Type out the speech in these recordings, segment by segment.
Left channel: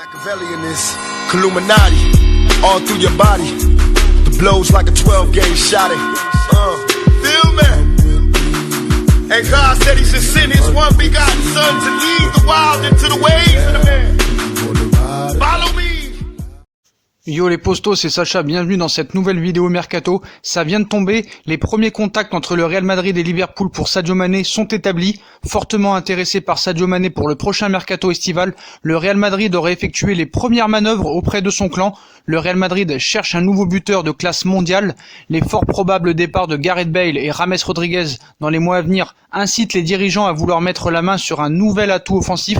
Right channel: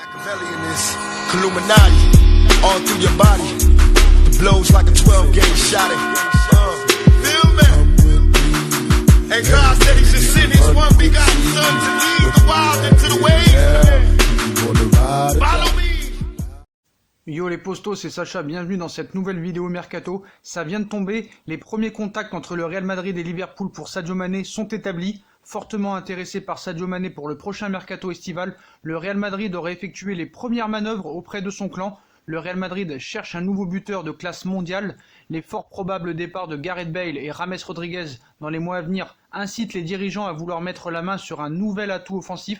Machiavelli in this Illuminati, all through your body. The blows like a 12-gauge shot. Feel me? And God said He should send His one begotten Son to lead the wild into the ways. Follow me. Yo les postos, c'est Sacha, bienvenue dans cette nouvelle vidéo Mercato. Ça vient de tomber, les premiers contacts entre le Real Madrid et Liverpool pour Sadio Mané sont établis. Fortement intéressé par Sadio Mané pour le prochain Mercato estival, le Real Madrid aurait effectué les premières manœuvres auprès de son clan. Le Real Madrid cherche un nouveau buteur de classe mondiale. Les fort probables départs de Gareth Bale et James Rodriguez dans les mois à venir incitent les dirigeants à vouloir mettre la main sur un nouvel atout offensif.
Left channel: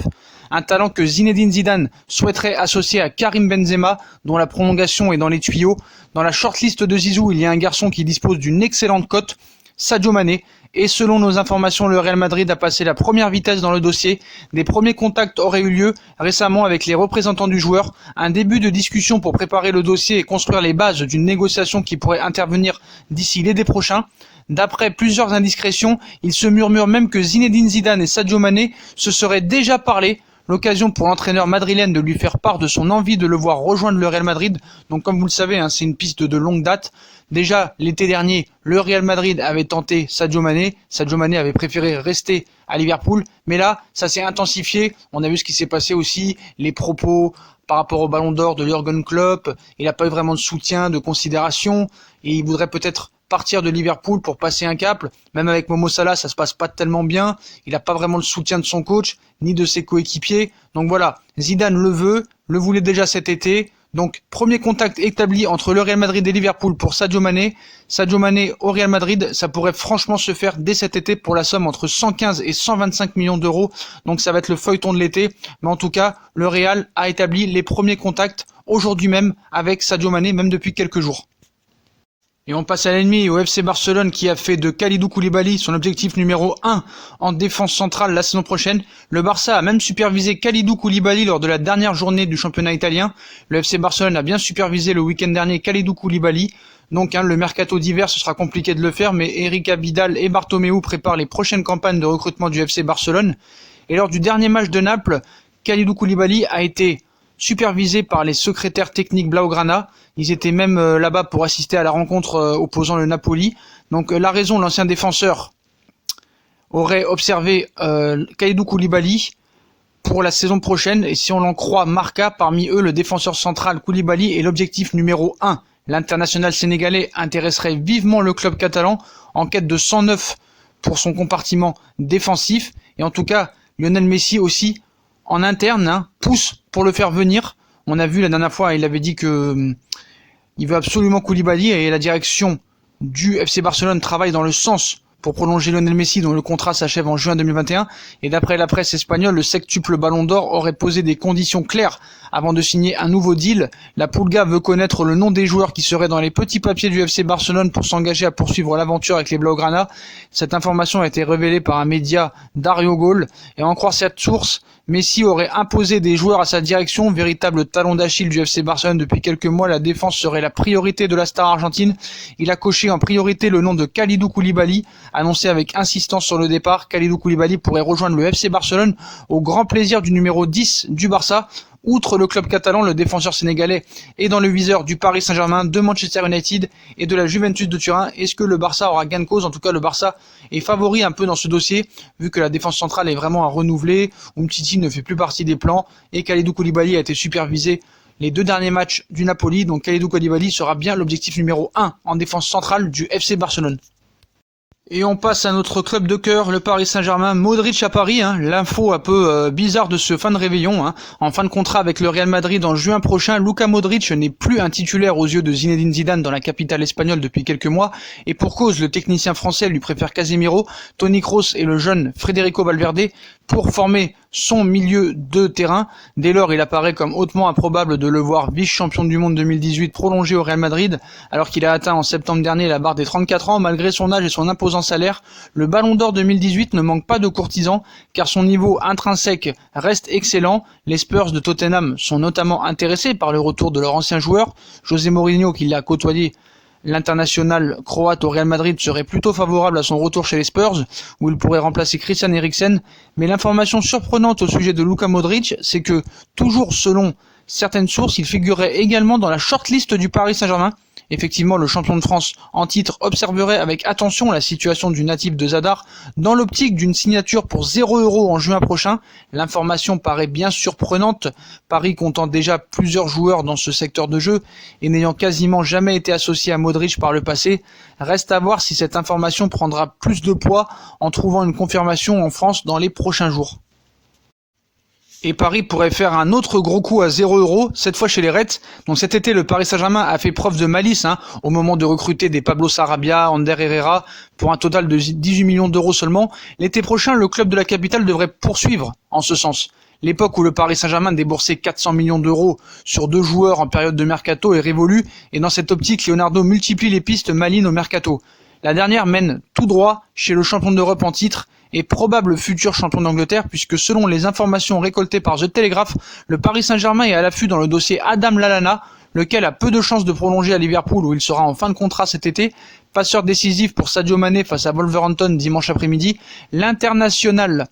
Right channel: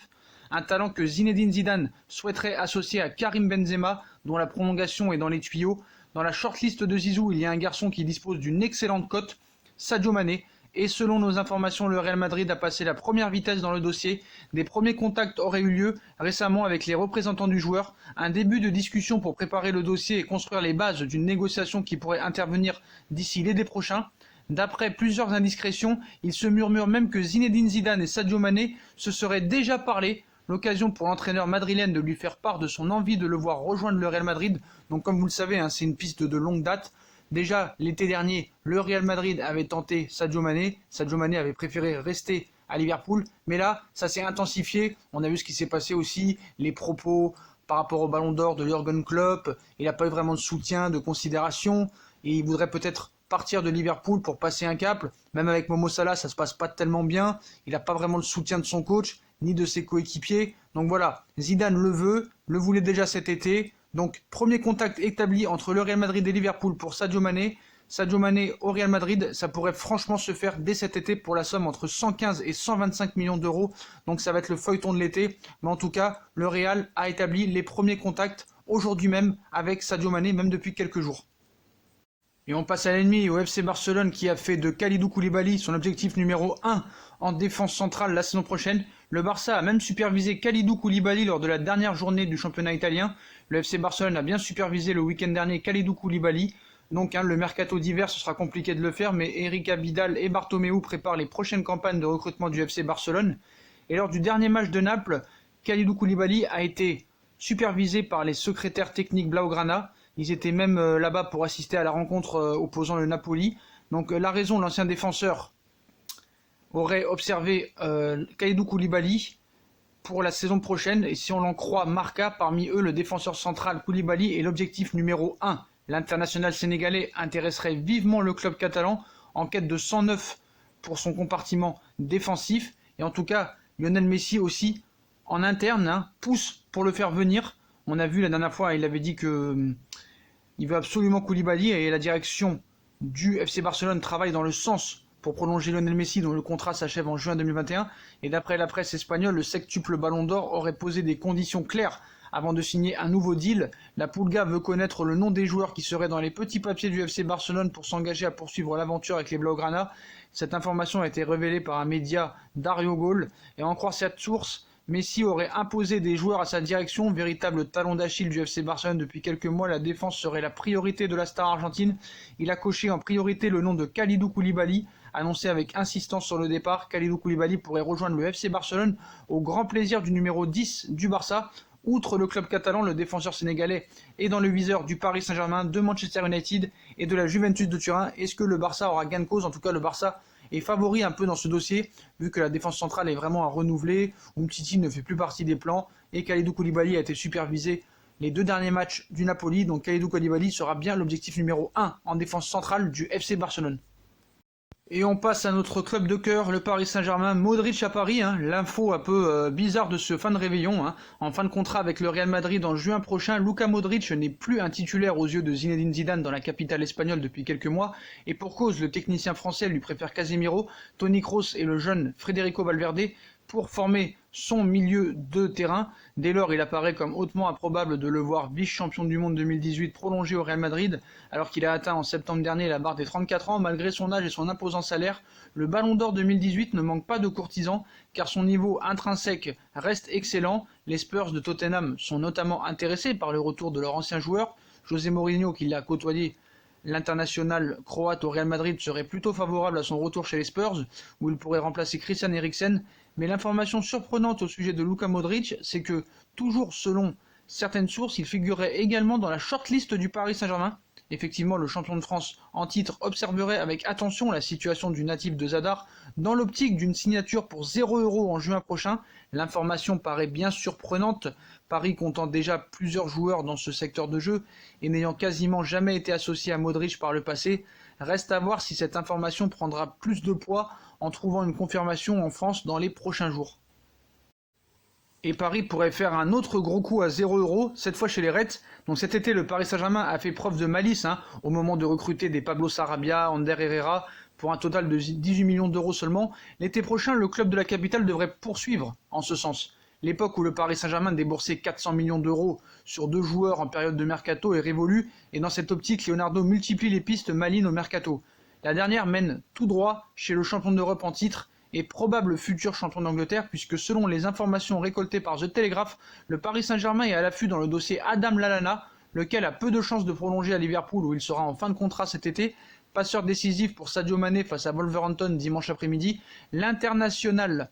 Un talent que Zinedine Zidane souhaiterait associer à Karim Benzema, dont la prolongation est dans les tuyaux. Dans la shortlist de Zizou, il y a un garçon qui dispose d'une excellente cote, Sadio Mané. Et selon nos informations, le Real Madrid a passé la première vitesse dans le dossier. Des premiers contacts auraient eu lieu récemment avec les représentants du joueur. Un début de discussion pour préparer le dossier et construire les bases d'une négociation qui pourrait intervenir d'ici l'été prochain. D'après plusieurs indiscrétions, il se murmure même que Zinedine Zidane et Sadio Mané se seraient déjà parlé. L'occasion pour l'entraîneur madrilène de lui faire part de son envie de le voir rejoindre le Real Madrid. Donc comme vous le savez, c'est une piste de longue date. Déjà l'été dernier, le Real Madrid avait tenté Sadio Mané. Sadio Mané avait préféré rester à Liverpool. Mais là, ça s'est intensifié. On a vu ce qui s'est passé aussi, les propos par rapport au Ballon d'Or de Jürgen Klopp. Il n'a pas eu vraiment de soutien, de considération. Et il voudrait peut-être partir de Liverpool pour passer un cap. Même avec Momo Salah, ça se passe pas tellement bien. Il n'a pas vraiment le soutien de son coach, ni de ses coéquipiers. Donc voilà, Zidane le veut, le voulait déjà cet été. Donc premier contact établi entre le Real Madrid et Liverpool pour Sadio Mané. Sadio Mané au Real Madrid, ça pourrait franchement se faire dès cet été pour la somme entre 115 et 125 millions d'euros. Donc ça va être le feuilleton de l'été. Mais en tout cas, le Real a établi les premiers contacts aujourd'hui même avec Sadio Mané, même depuis quelques jours. Et on passe à l'ennemi, au FC Barcelone qui a fait de Kalidou Koulibaly son objectif numéro 1 en défense centrale la saison prochaine. Le Barça a même supervisé Kalidou Koulibaly lors de la dernière journée du championnat italien. Le FC Barcelone a bien supervisé le week-end dernier Kalidou Koulibaly. Donc le mercato d'hiver, ce sera compliqué de le faire, mais Eric Abidal et Bartomeu préparent les prochaines campagnes de recrutement du FC Barcelone. Et lors du dernier match de Naples, Kalidou Koulibaly a été supervisé par les secrétaires techniques Blaugrana. Ils étaient même là-bas pour assister à la rencontre opposant le Napoli. Donc la raison, l'ancien défenseur aurait observé Kalidou Koulibaly pour la saison prochaine. Et si on l'en croit Marca, parmi eux, le défenseur central Koulibaly est l'objectif numéro 1. L'international sénégalais intéresserait vivement le club catalan en quête de 109 pour son compartiment défensif. Et en tout cas, Lionel Messi aussi, en interne, pousse pour le faire venir. On a vu la dernière fois, il avait dit que il veut absolument Koulibaly et la direction du FC Barcelone travaille dans le sens pour prolonger Lionel Messi dont le contrat s'achève en juin 2021. Et d'après la presse espagnole, le sextuple Ballon d'Or aurait posé des conditions claires avant de signer un nouveau deal. La Pulga veut connaître le nom des joueurs qui seraient dans les petits papiers du FC Barcelone pour s'engager à poursuivre l'aventure avec les Blaugrana. Cette information a été révélée par un média Dario Gol et en croire cette source, Messi aurait imposé des joueurs à sa direction, véritable talon d'Achille du FC Barcelone depuis quelques mois. La défense serait la priorité de la star argentine. Il a coché en priorité le nom de Kalidou Koulibaly, annoncé avec insistance sur le départ. Kalidou Koulibaly pourrait rejoindre le FC Barcelone au grand plaisir du numéro 10 du Barça. Outre le club catalan, le défenseur sénégalais est dans le viseur du Paris Saint-Germain, de Manchester United et de la Juventus de Turin. Est-ce que le Barça aura gain de cause? En tout cas, le Barça est favori un peu dans ce dossier, vu que la défense centrale est vraiment à renouveler. Umtiti ne fait plus partie des plans et Kalidou Koulibaly a été supervisé les 2 derniers matchs du Napoli. Donc Kalidou Koulibaly sera bien l'objectif numéro 1 en défense centrale du FC Barcelone. Et on passe à notre club de cœur, le Paris Saint-Germain. Modric à Paris, l'info un peu bizarre de ce fin de réveillon. En fin de contrat avec le Real Madrid en juin prochain, Luka Modric n'est plus un titulaire aux yeux de Zinedine Zidane dans la capitale espagnole depuis quelques mois. Et pour cause, le technicien français lui préfère Casemiro, Toni Kroos et le jeune Federico Valverde pour former son milieu de terrain. Dès lors, il apparaît comme hautement improbable de le voir vice-champion du monde 2018 prolongé au Real Madrid, alors qu'il a atteint en septembre dernier la barre des 34 ans. Malgré son âge et son imposant salaire, le Ballon d'Or 2018 ne manque pas de courtisans, car son niveau intrinsèque reste excellent. Les Spurs de Tottenham sont notamment intéressés par le retour de leur ancien joueur. José Mourinho, qui l'a côtoyé L'international croate au Real Madrid serait plutôt favorable à son retour chez les Spurs, où il pourrait remplacer Christian Eriksen. Mais l'information surprenante au sujet de Luka Modric, c'est que, toujours selon certaines sources, il figurerait également dans la shortlist du Paris Saint-Germain. Effectivement, le champion de France en titre observerait avec attention la situation du natif de Zadar dans l'optique d'une signature pour 0 € en juin prochain. L'information paraît bien surprenante, Paris comptant déjà plusieurs joueurs dans ce secteur de jeu et n'ayant quasiment jamais été associé à Modric par le passé. Reste à voir si cette information prendra plus de poids en trouvant une confirmation en France dans les prochains jours. Et Paris pourrait faire un autre gros coup à 0 €, cette fois chez les Reds. Donc cet été, le Paris Saint-Germain a fait preuve de malice au moment de recruter des Pablo Sarabia, Ander Herrera, pour un total de 18 millions d'euros seulement. L'été prochain, le club de la capitale devrait poursuivre en ce sens. L'époque où le Paris Saint-Germain déboursait 400 millions d'euros sur 2 joueurs en période de mercato est révolue, et dans cette optique, Leonardo multiplie les pistes malines au mercato. La dernière mène tout droit chez le champion d'Europe en titre, et probable futur champion d'Angleterre, puisque selon les informations récoltées par The Telegraph, le Paris Saint-Germain est à l'affût dans le dossier Adam Lallana, lequel a peu de chances de prolonger à Liverpool où il sera en fin de contrat cet été. Passeur décisif pour Sadio Mané face à Wolverhampton dimanche après-midi, l'international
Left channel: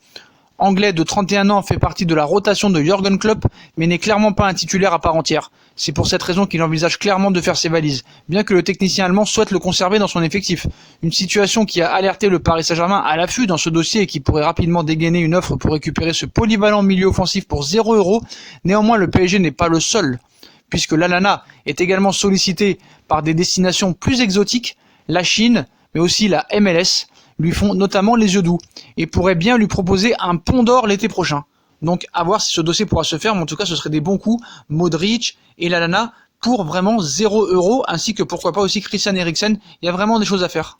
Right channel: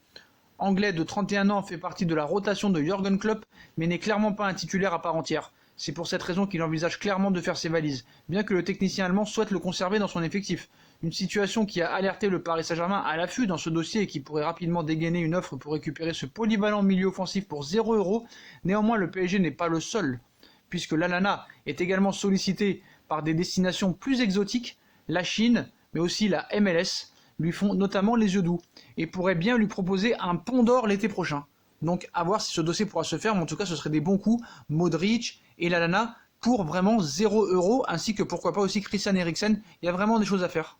anglais de 31 ans fait partie de la rotation de Jürgen Klopp, mais n'est clairement pas un titulaire à part entière. C'est pour cette raison qu'il envisage clairement de faire ses valises, bien que le technicien allemand souhaite le conserver dans son effectif. Une situation qui a alerté le Paris Saint-Germain à l'affût dans ce dossier et qui pourrait rapidement dégainer une offre pour récupérer ce polyvalent milieu offensif pour 0 €. Néanmoins, le PSG n'est pas le seul, puisque Lallana est également sollicité par des destinations plus exotiques, la Chine, mais aussi la MLS, lui font notamment les yeux doux, et pourraient bien lui proposer un pont d'or l'été prochain. Donc à voir si ce dossier pourra se faire, mais en tout cas ce serait des bons coups, Modric et Lallana pour vraiment 0 €, ainsi que pourquoi pas aussi Christian Eriksen. Il y a vraiment des choses à faire.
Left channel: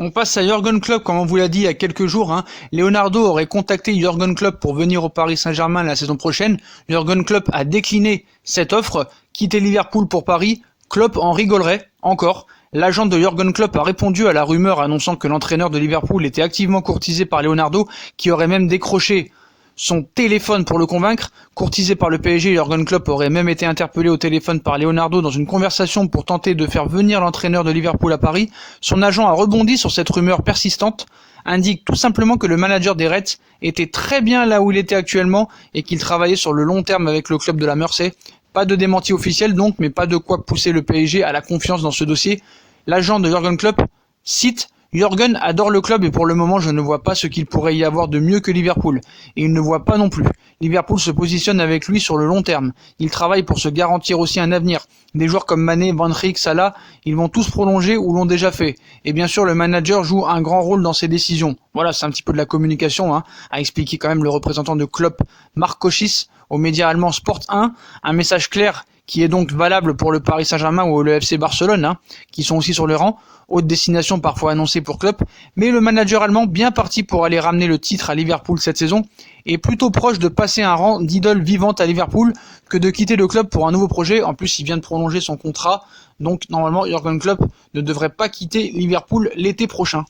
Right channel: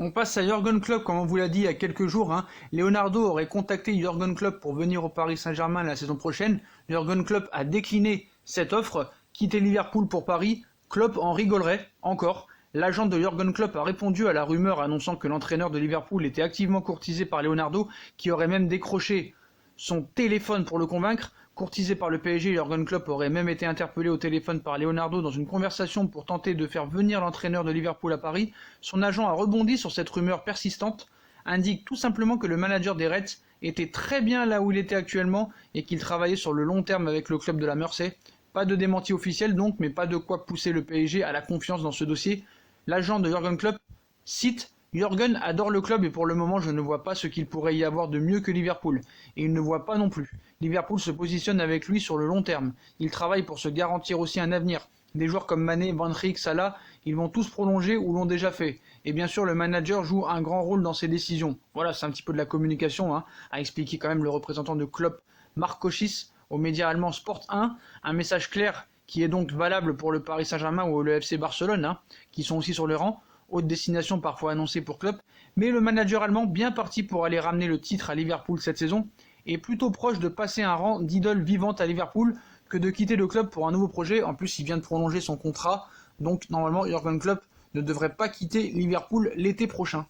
On passe à Jürgen Klopp, comme on vous l'a dit il y a quelques jours. Leonardo aurait contacté Jürgen Klopp pour venir au Paris Saint-Germain la saison prochaine. Jürgen Klopp a décliné cette offre, quitter Liverpool pour Paris. Klopp en rigolerait encore. L'agent de Jürgen Klopp a répondu à la rumeur annonçant que l'entraîneur de Liverpool était activement courtisé par Leonardo, qui aurait même décroché son téléphone pour le convaincre. Courtisé par le PSG, Jürgen Klopp aurait même été interpellé au téléphone par Leonardo dans une conversation pour tenter de faire venir l'entraîneur de Liverpool à Paris. Son agent a rebondi sur cette rumeur persistante, indique tout simplement que le manager des Reds était très bien là où il était actuellement et qu'il travaillait sur le long terme avec le club de la Mersey. Pas de démenti officiel donc, mais pas de quoi pousser le PSG à la confiance dans ce dossier. L'agent de Jürgen Klopp cite « Jürgen adore le club et pour le moment je ne vois pas ce qu'il pourrait y avoir de mieux que Liverpool. Et il ne voit pas non plus. Liverpool se positionne avec lui sur le long terme. Il travaille pour se garantir aussi un avenir. Des joueurs comme Mané, Van Dijk, Salah, ils vont tous prolonger ou l'ont déjà fait. Et bien sûr le manager joue un grand rôle dans ses décisions. » Voilà, c'est un petit peu de la communication, a expliqué quand même le représentant de Klopp, Marc Cochis, aux médias allemands Sport 1. Un message clair qui est donc valable pour le Paris Saint-Germain ou le FC Barcelone, qui sont aussi sur le rang, haute destination parfois annoncée pour Klopp, mais le manager allemand, bien parti pour aller ramener le titre à Liverpool cette saison, est plutôt proche de passer un rang d'idole vivante à Liverpool que de quitter le club pour un nouveau projet. En plus, il vient de prolonger son contrat, donc normalement Jürgen Klopp ne devrait pas quitter Liverpool l'été prochain.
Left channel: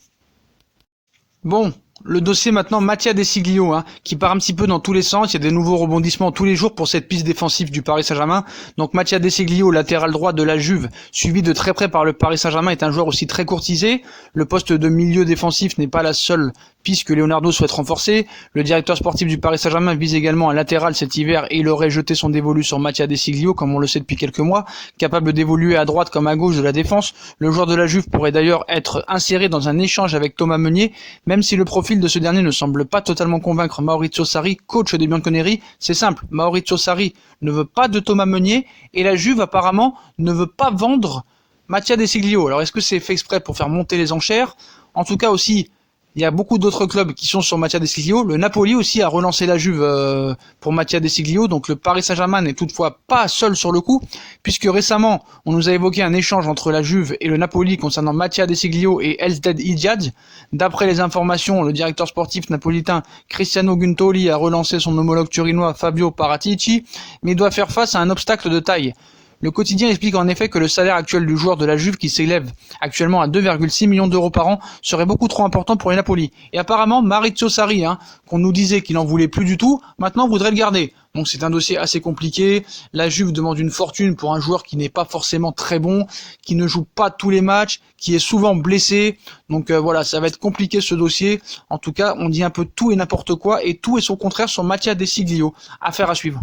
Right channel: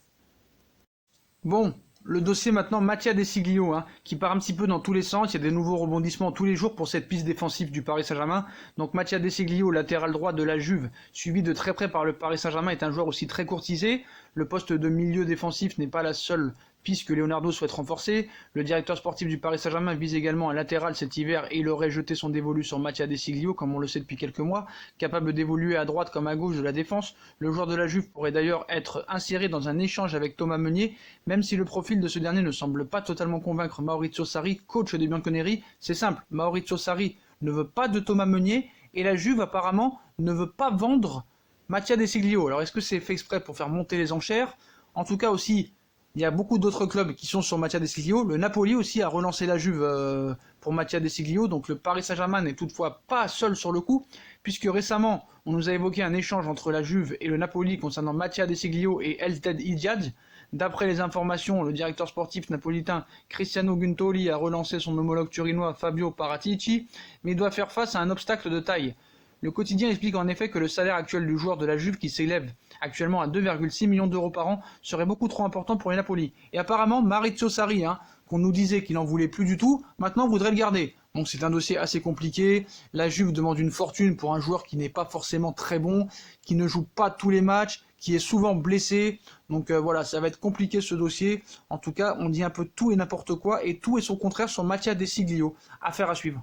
Bon, le dossier maintenant Mattia Desiglio, qui part un petit peu dans tous les sens. Il y a des nouveaux rebondissements tous les jours pour cette piste défensive du Paris Saint-Germain. Donc Mattia Desiglio, latéral droit de la Juve, suivi de très près par le Paris Saint-Germain, est un joueur aussi très courtisé. Le poste de milieu défensif n'est pas la seule piste que Leonardo souhaite renforcer. Le directeur sportif du Paris Saint-Germain vise également un latéral cet hiver et il aurait jeté son dévolu sur Mattia Desiglio, comme on le sait depuis quelques mois, capable d'évoluer à droite comme à gauche de la défense. Le joueur de la Juve pourrait d'ailleurs être inséré dans un échange avec Thomas Meunier, même si le profil de ce dernier ne semble pas totalement convaincre Maurizio Sarri, coach des Bianconeri. C'est simple, Maurizio Sarri ne veut pas de Thomas Meunier et la Juve apparemment ne veut pas vendre Mattia Desiglio. Alors est-ce que c'est fait exprès pour faire monter les enchères? En tout cas aussi, il y a beaucoup d'autres clubs qui sont sur Mattia Desiglio. Le Napoli aussi a relancé la Juve pour Mattia Desiglio. Donc le Paris Saint-Germain n'est toutefois pas seul sur le coup, puisque récemment, on nous a évoqué un échange entre la Juve et le Napoli concernant Mattia Desiglio et Elsded Ijad. D'après les informations, le directeur sportif napolitain Cristiano Guntoli a relancé son homologue turinois Fabio Paratici, mais doit faire face à un obstacle de taille. Le quotidien explique en effet que le salaire actuel du joueur de la Juve, qui s'élève actuellement à 2,6 millions d'euros par an, serait beaucoup trop important pour les Napoli. Et apparemment, Maurizio Sarri, qu'on nous disait qu'il n'en voulait plus du tout, maintenant voudrait le garder. Donc c'est un dossier assez compliqué. La Juve demande une fortune pour un joueur qui n'est pas forcément très bon, qui ne joue pas tous les matchs, qui est souvent blessé. Donc voilà, ça va être compliqué ce dossier. En tout cas, on dit un peu tout et n'importe quoi, et tout et son contraire sur Mattia Desiglio. Affaire à suivre.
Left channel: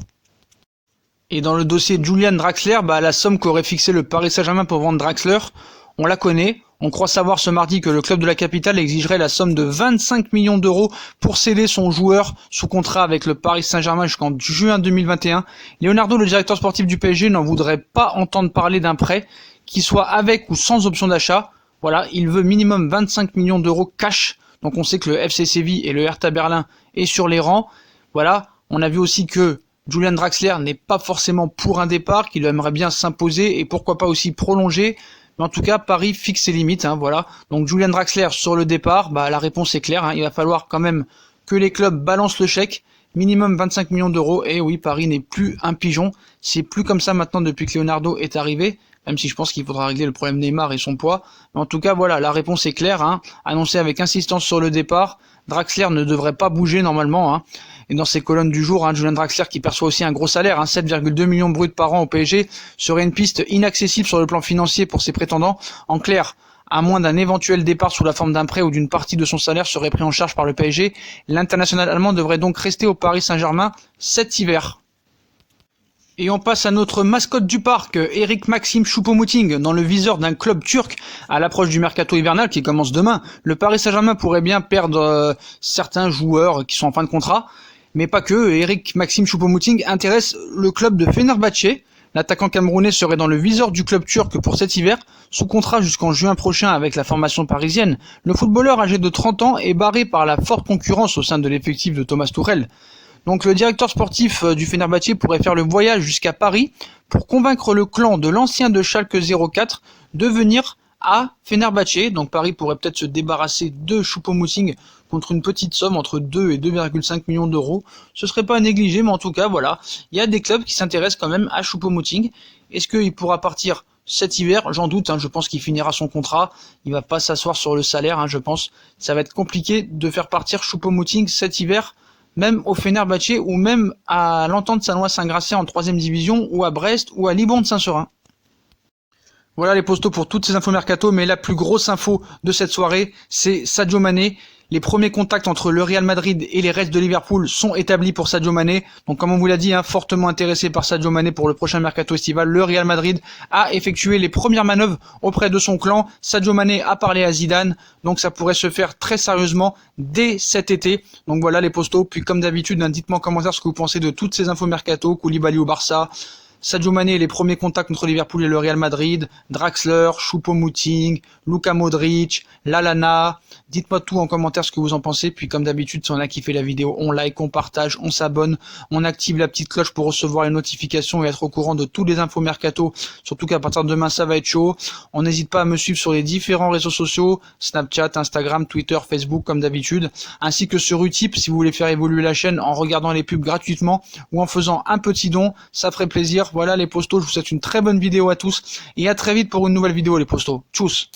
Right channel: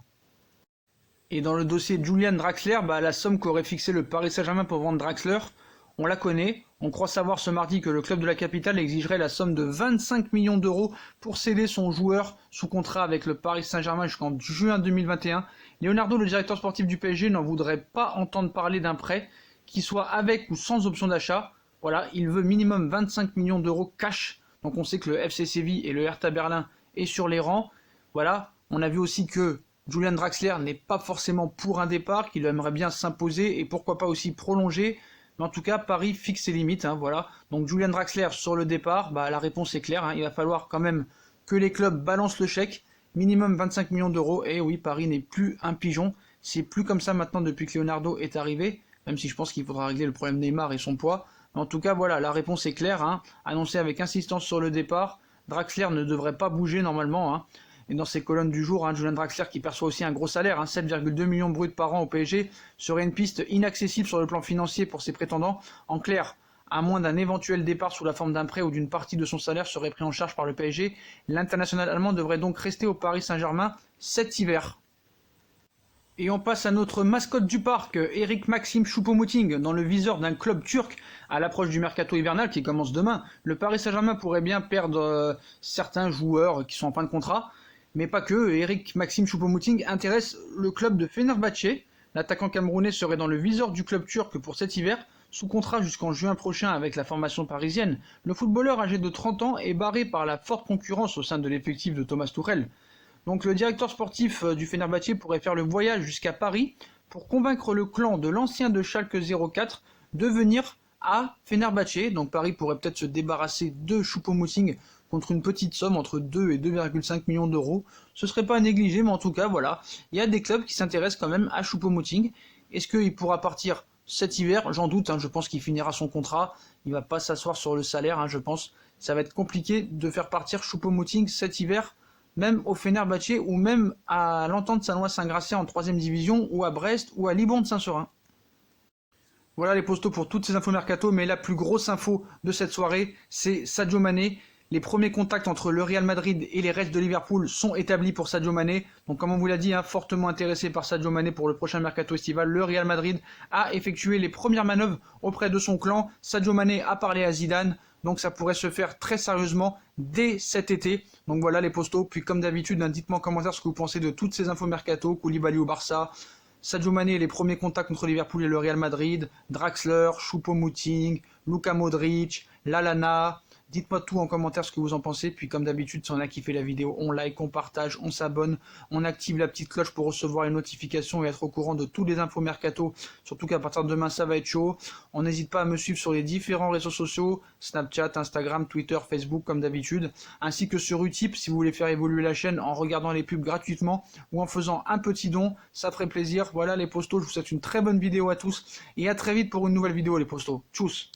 Et dans le dossier Julian Draxler, la somme qu'aurait fixé le Paris Saint-Germain pour vendre Draxler, on la connaît. On croit savoir ce mardi que le club de la capitale exigerait la somme de 25 millions d'euros pour céder son joueur sous contrat avec le Paris Saint-Germain jusqu'en juin 2021. Leonardo, le directeur sportif du PSG, n'en voudrait pas entendre parler d'un prêt, qui soit avec ou sans option d'achat. Voilà, il veut minimum 25 millions d'euros cash. Donc on sait que le FC Séville et le Hertha Berlin est sur les rangs. Voilà, on a vu aussi que Julian Draxler n'est pas forcément pour un départ, qu'il aimerait bien s'imposer et pourquoi pas aussi prolonger. Mais en tout cas, Paris fixe ses limites. Voilà. Donc Julian Draxler sur le départ, la réponse est claire. Il va falloir quand même que les clubs balancent le chèque. Minimum 25 millions d'euros. Et oui, Paris n'est plus un pigeon. C'est plus comme ça maintenant depuis que Leonardo est arrivé. Même si je pense qu'il faudra régler le problème Neymar et son poids. Mais en tout cas, voilà, la réponse est claire. Annoncé avec insistance sur le départ. Draxler ne devrait pas bouger normalement. Et dans ses colonnes du jour, Julian Draxler, qui perçoit aussi un gros salaire, 7,2 millions bruts par an au PSG, serait une piste inaccessible sur le plan financier pour ses prétendants. En clair, à moins d'un éventuel départ sous la forme d'un prêt ou d'une partie de son salaire serait pris en charge par le PSG, l'international allemand devrait donc rester au Paris Saint-Germain cet hiver. Et on passe à notre mascotte du parc, Eric Maxim Choupo-Moting, dans le viseur d'un club turc à l'approche du mercato hivernal qui commence demain. Le Paris Saint-Germain pourrait bien perdre certains joueurs qui sont en fin de contrat, mais pas que. Eric Maxim Choupo-Moting intéresse le club de Fenerbahçe. L'attaquant camerounais serait dans le viseur du club turc pour cet hiver, sous contrat jusqu'en juin prochain avec la formation parisienne. Le footballeur âgé de 30 ans est barré par la forte concurrence au sein de l'effectif de Thomas Tuchel. Donc le directeur sportif du Fenerbahçe pourrait faire le voyage jusqu'à Paris pour convaincre le clan de l'ancien de Schalke 04 de venir à Fenerbahçe. Donc Paris pourrait peut-être se débarrasser de Choupo-Moting contre une petite somme entre 2 et 2,5 millions d'euros. Ce serait pas à négliger, mais en tout cas, voilà, il y a des clubs qui s'intéressent quand même à Choupo-Moting. Est-ce qu'il pourra partir cet hiver? J'en doute, je pense qu'il finira son contrat. Il va pas s'asseoir sur le salaire, je pense. Ça va être compliqué de faire partir Choupo-Moting cet hiver, même au Fenerbahçe ou même à l'Entente Sannois-Saint-Gratien en 3e division ou à Brest ou à Liban de Saint-Seurin. Voilà les postos pour toutes ces infos mercato, mais la plus grosse info de cette soirée, c'est Sadio Mané. Les premiers contacts entre le Real Madrid et les Reds de Liverpool sont établis pour Sadio Mané. Donc comme on vous l'a dit, fortement intéressé par Sadio Mané pour le prochain mercato estival, le Real Madrid a effectué les premières manœuvres auprès de son clan. Sadio Mané a parlé à Zidane, donc ça pourrait se faire très sérieusement dès cet été. Donc voilà les postos, puis comme d'habitude, dites-moi en commentaire ce que vous pensez de toutes ces infos mercato, Koulibaly au Barça, Sadio Mané et les premiers contacts entre Liverpool et le Real Madrid, Draxler, Choupo-Moting, Luka Modric, Lallana. Dites-moi tout en commentaire ce que vous en pensez. Puis comme d'habitude, si on a kiffé la vidéo, on like, on partage, on s'abonne, on active la petite cloche pour recevoir les notifications et être au courant de tous les infos mercato. Surtout qu'à partir de demain, ça va être chaud. On n'hésite pas à me suivre sur les différents réseaux sociaux, Snapchat, Instagram, Twitter, Facebook comme d'habitude, ainsi que sur Utip si vous voulez faire évoluer la chaîne en regardant les pubs gratuitement ou en faisant un petit don, ça ferait plaisir. Voilà les postos, je vous souhaite une très bonne vidéo à tous et à très vite pour une nouvelle vidéo les postos. Tchuss.